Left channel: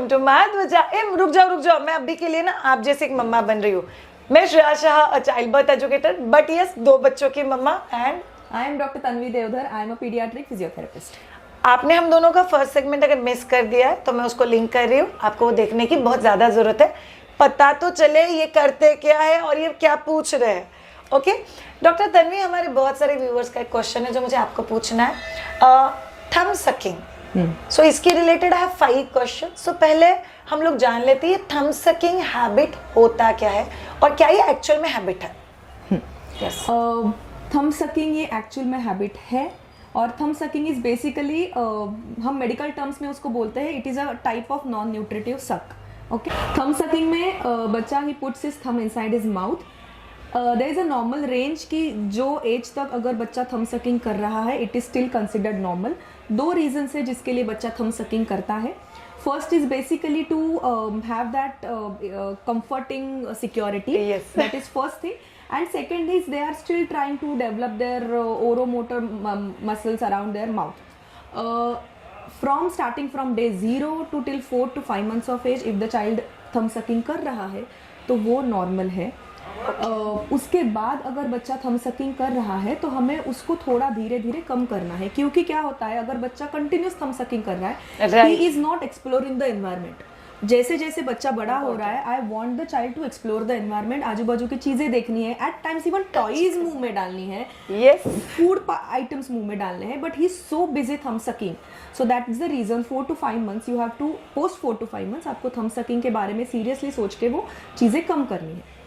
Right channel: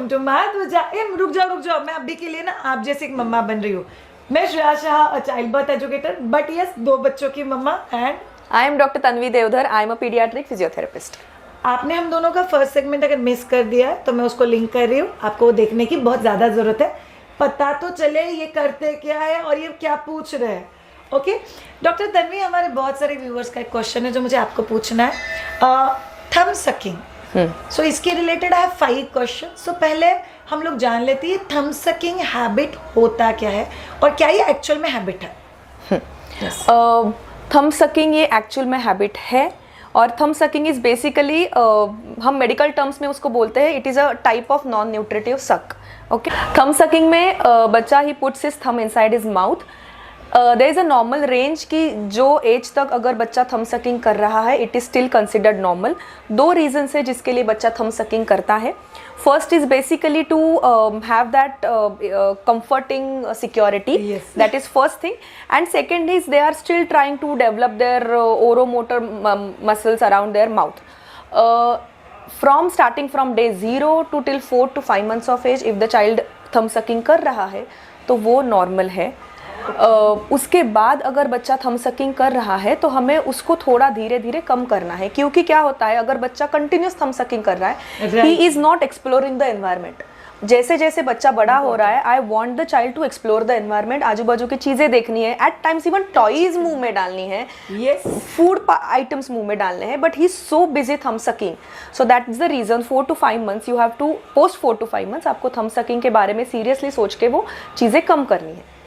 Welcome to माद वजह। रुक जाओ, मैं अभी के लिए ना आप जैसे एक मम्मा बन रही हूँ। मैं Shreya Shah, a child birth educator, but yes 2 बच्चों की मम्मा, and I am doctor Tanvi Deodhar, I am a paediatric physiotherapist. आपने हम दोनों का फर्स्ट सेगमेंट अगर मिस कर दिया है तो मैं उसको लिंक कर रही हूँ, आपको वो देखने की बहुत ज़्यादा ज़रूरत है, पता तो चले ये करते क्या है और ये क्या पूछ रहे हैं। ओके डॉक्टर तन्वी, हमारे बहुत सारे व्यूअर्स का एक क्वेश्चन है जो मुझे आपको पूछना है, थंब सकिंग। सो इसके related I have 5 question. So पहले हम लोग जान लेते हैं थंब सकिंग हैबिट होता क्या है और क्या ये एक्चुअल में हैबिट है? थंब सकिंग ये एक्चुअल में हैबिट है और थंब सकिंग इज बेसिकली हम मेडिकल टर्म्स में उसको बोलते हैं, it is a type of non nutritive suck. Okay, thumb sucking में बच्चा ही puts his thumb inside his mouth. There is a normal range की जो एज तक अगर बच्चा थंब सकिंग कर रहा है it is still considered normal. 2 reason है जिसके लिए बच्चा थंब सकिंग करता है। First is basically to have that comforting security. Yes. That is first thing. And second is they are still trying to develop their oromotor muscles around their mouth. From starting from day 0 to till 4 to 5 months of age, if the child thumb sucking कर रहा है तो वो normal है। उसके बाद अगर बच्चा थंब सकिंग कर रहा है तो हमें उसको थोड़ा धीरे धीरे कम करना है, क्योंकि क्या होता है अगर बच्चा कंटिन्यूस थंब सकिंग कर रहा है he is not exploring the environment. जैसे जैसे बच्चा बड़ा हो रहा है I want the child to explore the environment, आजू बाजू की चीजें देखनी है, एट टाइम्स इवन टॉयज मुंह में डालनी है, यस फूड आइटम्स मुंह में डालने हैं, but he is so busy thumb sucking. So that is the reason 4 to 5 months you have to, post 4 to 5 months आपको थंब सकिंग के बारे में सीरियसली सोच के वो चीजें कम करनी है।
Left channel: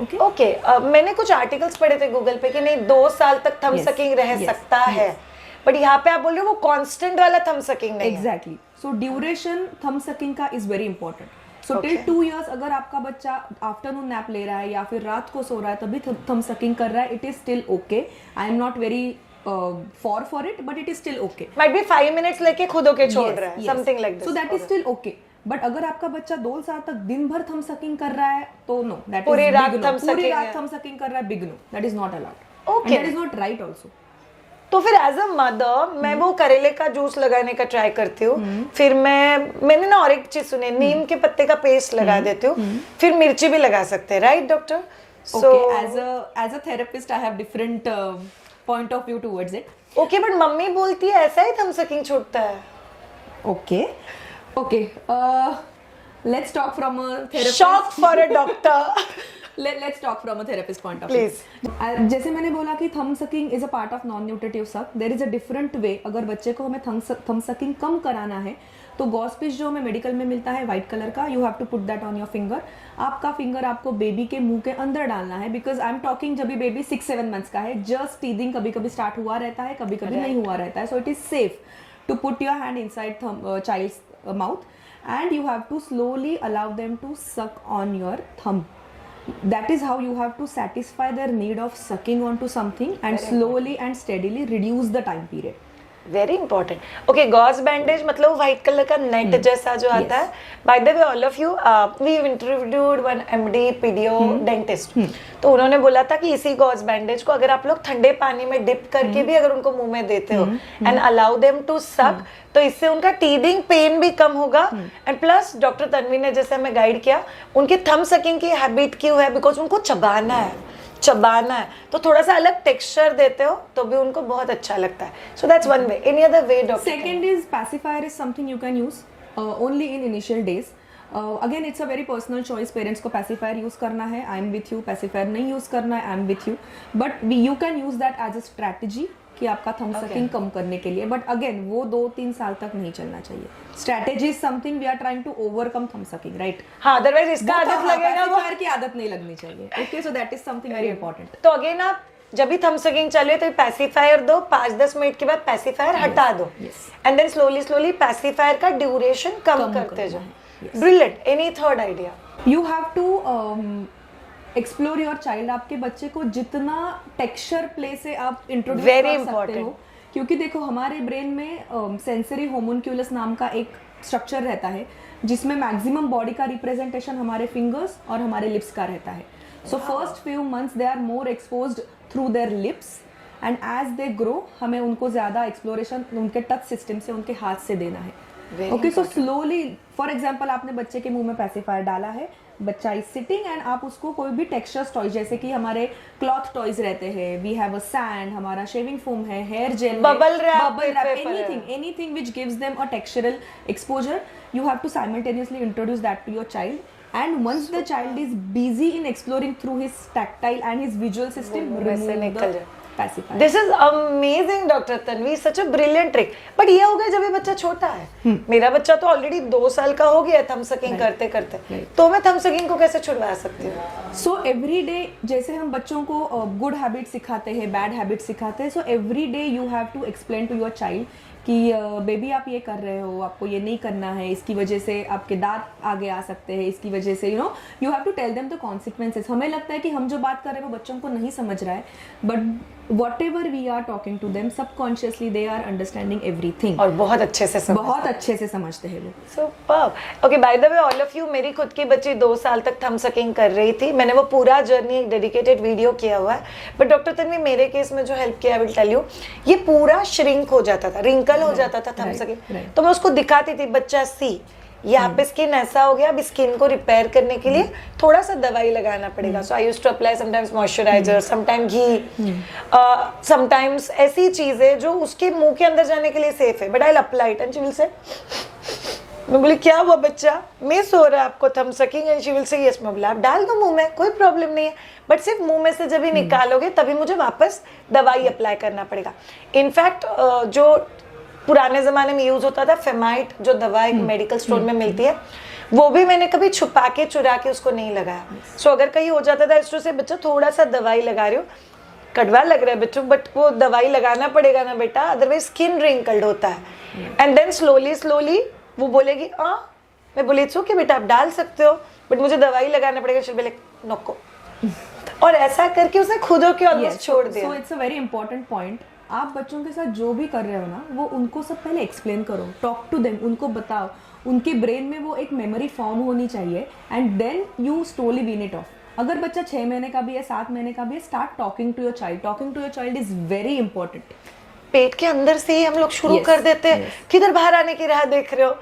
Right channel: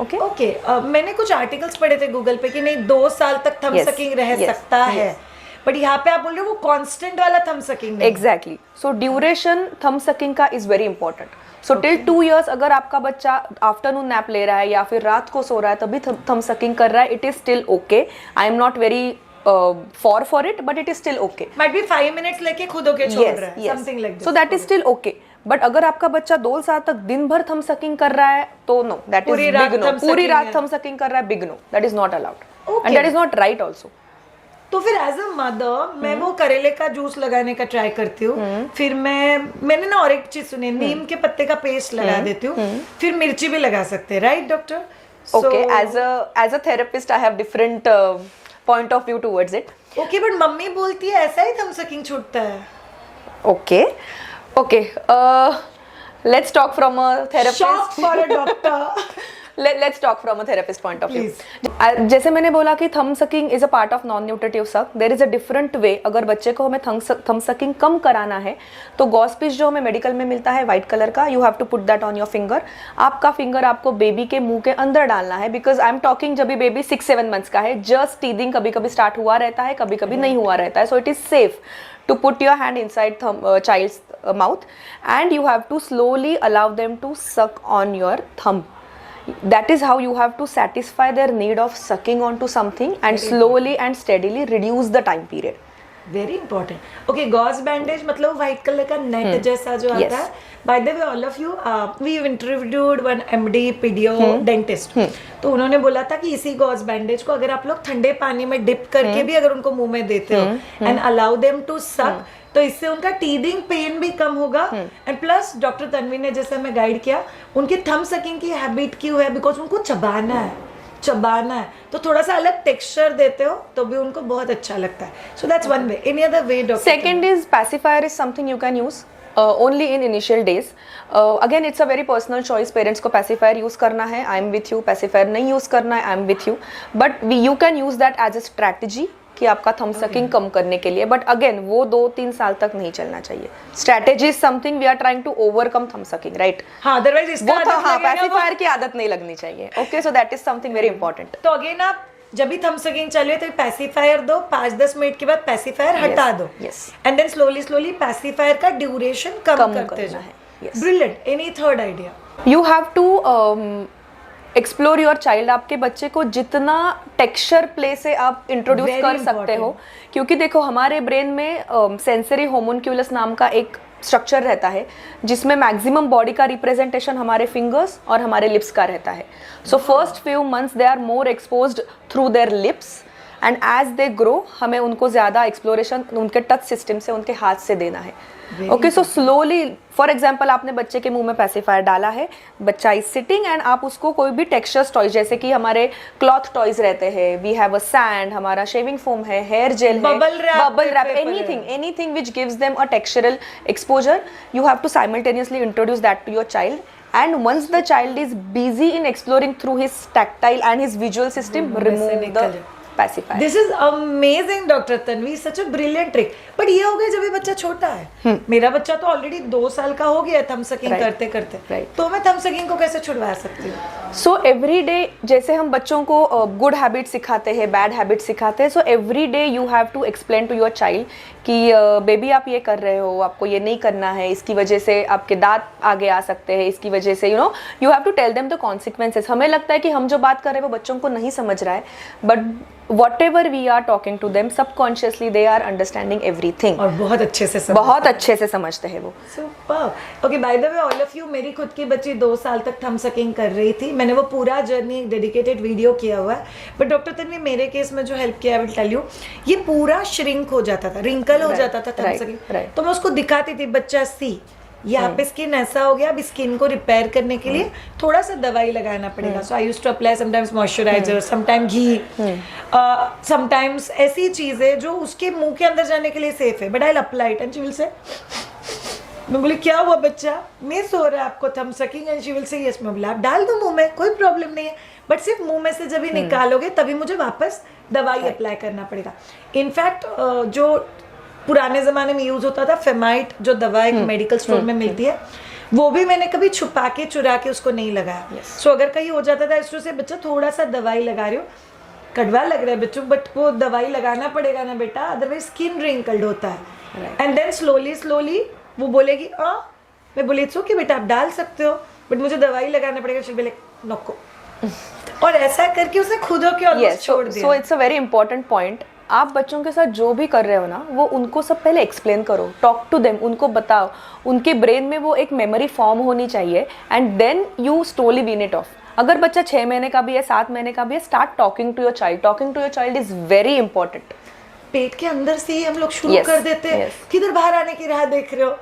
ओके ओके, मैंने कुछ आर्टिकल्स पढ़े थे गूगल पे कि नहीं 2 साल तक थंब Yes, सकिंग रह yes, सकता है, बट यहाँ पे आप बोल रहे हो वो कांस्टेंट वाला थंब सकिंग नहीं है। एग्जैक्टली। सो ड्यूरेशन थंब सकिंग का is very important. So till 2 years अगर आपका बच्चा आफ्टरनून नैप ले रहा है या फिर रात को सो रहा है तभी थंब सकिंग कर रहा है, it is still okay. I am not very for it, but it is still okay. Might be 5 minutes लेके खुद होके छोड़ रहा है, something like this. So that is still okay. But अगर आपका बच्चा 2 साल तक दिन भर थंब सकिंग कर रहा है तो no, that is big no. पूरी रात थंब सकिंग कर रहा है, big no, that is not allowed and that is not right also. तो फिर एज अ मदर मैं वो करेले का जूस लगाने का ट्राई करती हूँ, फिर मैंने ना और एक चीज सुनी, नीम के पत्ते का पेस्ट लगा देती हूँ, फिर मिर्ची भी लगा सकते हैं, right doctor? Okay, as a therapist I have different point of view towards it. Okay, but mummy बोलती है ऐसा ही थंब सकिंग छूटता है। Okay okay, let's talk from a therapist. Shock for a doctor. Let's talk from a therapist point of view. जैसे मैंने बोला कि thumb sucking is a part of non nutritive suck, there is a different way. अगर बच्चे को हमें thumb sucking कम कराना है तो गॉस पिच जो हमें मेडिकल में मिलता है व्हाइट कलर का, you have to put that on your finger. आपका फिंगर आपको बेबी के मुंह के अंदर डालना है, बिकॉज आई एम टॉकिंग जब भी बेबी 6-7 months का है, जस्ट टीदिंग कभी कभी स्टार्ट हुआ रहता है, कभी कभी नहीं हुआ रहता है। So it is safe to put your hand inside child's mouth and you have to slowly allow them to suck on your thumb. That is how you have to satisfy their need of sucking onto something and slowly and steadily reduce the time period. Very important. Okay, gauze bandage मतलब white colour का net जैसा जो आता है। By the way all of you, we interviewed one MD paedo dentist, तो उन्होंने बोला था कि इसी गॉस बैंडेज को अगर आप लोग ठंडे पानी में डिप करके भी अगर उनको मुंह में देते हो एंड अलाउ देम टू सक, तो इससे उनका टीदिंग पेन भी कम होगा। एंड प्लस डॉक्टर तन्वी ने जैसे हमें गाइड किया, उनकी थंब सकिंग की हैबिट क्यों है, बिकॉज उनको चबाना है, तो थोड़ा सा अलग टेक्सचर देते हो तो भी उनको बहुत अच्छा लगता है। So that's one way. Any other way doctor? Second is pacifier is something you can use only in initial days. Again it's a very personal choice, parents को pacifier यूज करना है, I am with you, pacifier नहीं use करना है, I am with you, but you can use that as a strategy कि आपका thumb sucking कम करने के लिए। बट अगेन वो 2-3 साल तक नहीं चलना चाहिए। Strategy is something we are trying to overcome thumb sucking, right? हाँ, अदरवाइज इसका पैसिफायर की आदत नहीं लगनी चाहिए। Okay, so that is something very important. तो अगेन आप जब भी थंब सकिंग चले तो पैसिफायर दो, 5-10 मिनट के बाद पैसिफायर हटा दो, एंड देन स्लोली पैसिफायर का ड्यूरेशन कम करते जाओ। Brilliant. Any third idea? You have to explore your child. आपके बच्चे को जितना टेक्सचर प्ले से आप इंट्रोड्यूस कर सकते हो, क्योंकि देखो हमारे ब्रेन में सेंसरी होमुनक्यूलस नाम का एक स्ट्रक्चर रहता है जिसमें मैक्सिमम बॉडी का रिप्रेजेंटेशन हमारे फिंगर्स और हमारे लिप्स का रहता है। So first few months they are more exposed through their lips and as they grow हमें उनको ज़्यादा एक्सप्लोरेशन उनके टच सिस्टम से, उनके हाथ से देना है। Okay, so slowly, for example आपने बच्चे के मुंह में पैसिफायर डाला है, बच्चा इज सिटिंग एंड आप उसको कोई भी टेक्सचर्स टॉयज, जैसे कि हमारे क्लॉथ टॉयज रहते हैं, वी हैव अ सैंड, हमारा शेविंग फोम है, हेयर जेल है, bubble wrap, anything which gives them a textural exposure, you have to simultaneously introduce that to your child. And once the child is busy in exploring through his tactile and his visual system, remove the pacifier. This is amazing, Dr. Tanvi. Such a brilliant trick. But ये हो गया जब ये बच्चा छोटा है. मेरा बच्चा तो ऑलरेडी 2 साल का हो गया थम सकिंग करते करते. तो मैं थम सकिंग को कैसे छुड़वा सकती हूँ? सो एवरी डे, जैसे हम बच्चों को गुड हैबिट सिखाते हैं, बैड हैबिट सिखाते हैं, so every day you have to explain to your child कि बेबी आप ये कर रहे हो, आपको ये नहीं करना है, इसकी वजह से आपके दांत आगे आ सकते हैं, इसकी वजह से you have to tell them the consequences. हमें लगता है कि हम जो बात कर रहे हैं वो बच्चों को नहीं समझ रहा है, but whatever we are talking to them, subconsciously they are understanding everything. और बहुत अच्छे से समझते हैं वो. Superb. Okay, by the way, all of you, मेरी खुद की बच्ची 2 साल तक थम सकिंग कर रही थी. मैंने वो पूरा जर्नी एक डेडिकेटेड वीडियो किया हुआ है. बट डॉक्टर तन्वी, मेरे केस में जो हेल्प किया, आई विल टेल यू, ये पूरा श्रिंक हो जाता था, रिंकल हो जाता था थम सकिंग. तो मैं उसको दिखाती थी, बच्चा सी यहाँ पे स्किन ऐसा हो गया, अब स्किन को रिपेयर करने के लिए थोड़ा सा दवाई लगाना पड़ेगा. So I used to apply sometimes moisturiser, sometimes ghee, sometimes ऐसी चीजें जो उसके मुंह के अंदर जाने के लिए सेफ है, but I apply it and she will say, मैं बोली क्या हुआ बच्चा, मिस हो रहा है आपको थम sucking, and she will say yes. मैं बोला आप डाल दो मुंह में, कोई प्रॉब्लम नहीं है, बट सिर्फ मुंह में से जब ही निकालोगे तभी मुझे वापस दवाई अप्लाई करना पड़ेगा. इनफैक्ट जो पुराने जमाने में यूज होता था फेमाइट, जो दवा एक मेडिकल स्टोर में मिलती है, वो भी मैंने कभी छुपा के चुरा के उसको नहीं लगाया. सो अगर कहीं हो जाता था इसको से बच्चा थोड़ा सा दवाई लगा रहे हो, कड़वा लग रहा है बच्चों, बट वो दवाई लगाना पड़ेगा ना बेटा, अदरवाइज स्किन रिंकल्ड होता है. एंड देन स्लोली वो बोलेगी हाँ, मैं बोली इट्स ओके बेटा आप डाल सकते हो, बट मुझे दवाई लगाना पड़ेगा. शी विल नको. और ऐसा करके उसे खुद के छोड़ दिया. So it's a very important point. आप बच्चों के साथ जो भी कर रहे हो ना, वो उनको सब पहले एक्सप्लेन करो, टॉक टू देम, उनको बताओ, उनके ब्रेन में वो एक मेमोरी फॉर्म होनी चाहिए, and then you slowly wean it off. अगर बच्चा 6 महीने का भी है, 7 महीने का भी है, start talking to your child. Talking to your child is very important. पेट के अंदर से ही हम लोग शुरू कर देते हैं, किधर बाहर आने की राह देख रहे हो.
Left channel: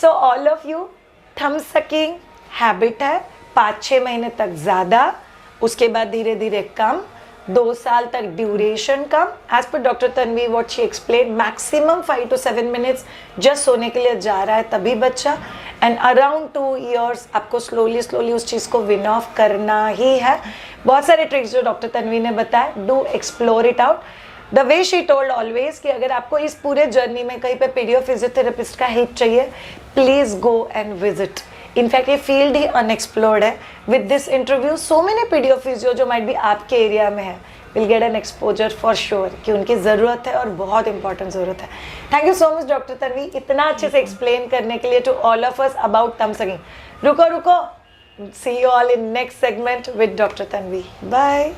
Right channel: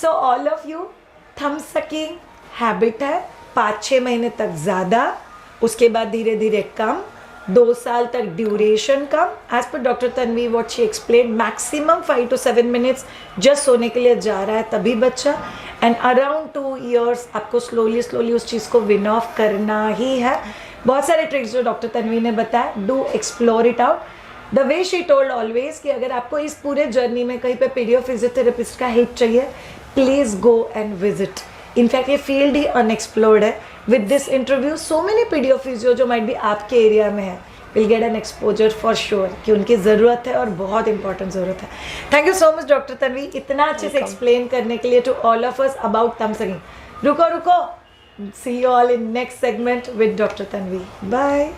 सो ऑल ऑफ यू, थम सकिंग हैबिट है, 5-6 महीने तक ज्यादा, उसके बाद धीरे धीरे कम, 2 साल तक ड्यूरेशन कम. एज पर doctor Tanvi what she explain, maximum 5 to 7 minutes just सोने के लिए जा रहा है तभी बच्चा. एंड अराउंड 2 years आपको स्लोली उस चीज़ को विन ऑफ करना ही है. बहुत सारे ट्रिक्स जो डॉक्टर तन्वी ने बताया, do explore it out the way she told always, कि अगर आपको इस पूरे जर्नी में कहीं पे पीडियो फिजियोथेरेपिस्ट का हेल्प चाहिए, please go and visit. In fact ये फील्ड ही अनएक्सप्लोर्ड है. With this interview so many paedo physio जो माइट बी आपके एरिया में है will get an exposure for sure, कि उनकी ज़रूरत है और बहुत इंपॉर्टेंट ज़रूरत है. Thank you so much doctor Tanvi, इतना अच्छे से एक्सप्लेन करने के लिए to all of us about thumb sucking. रुको, see you all in next segment with doctor Tanvi. Bye.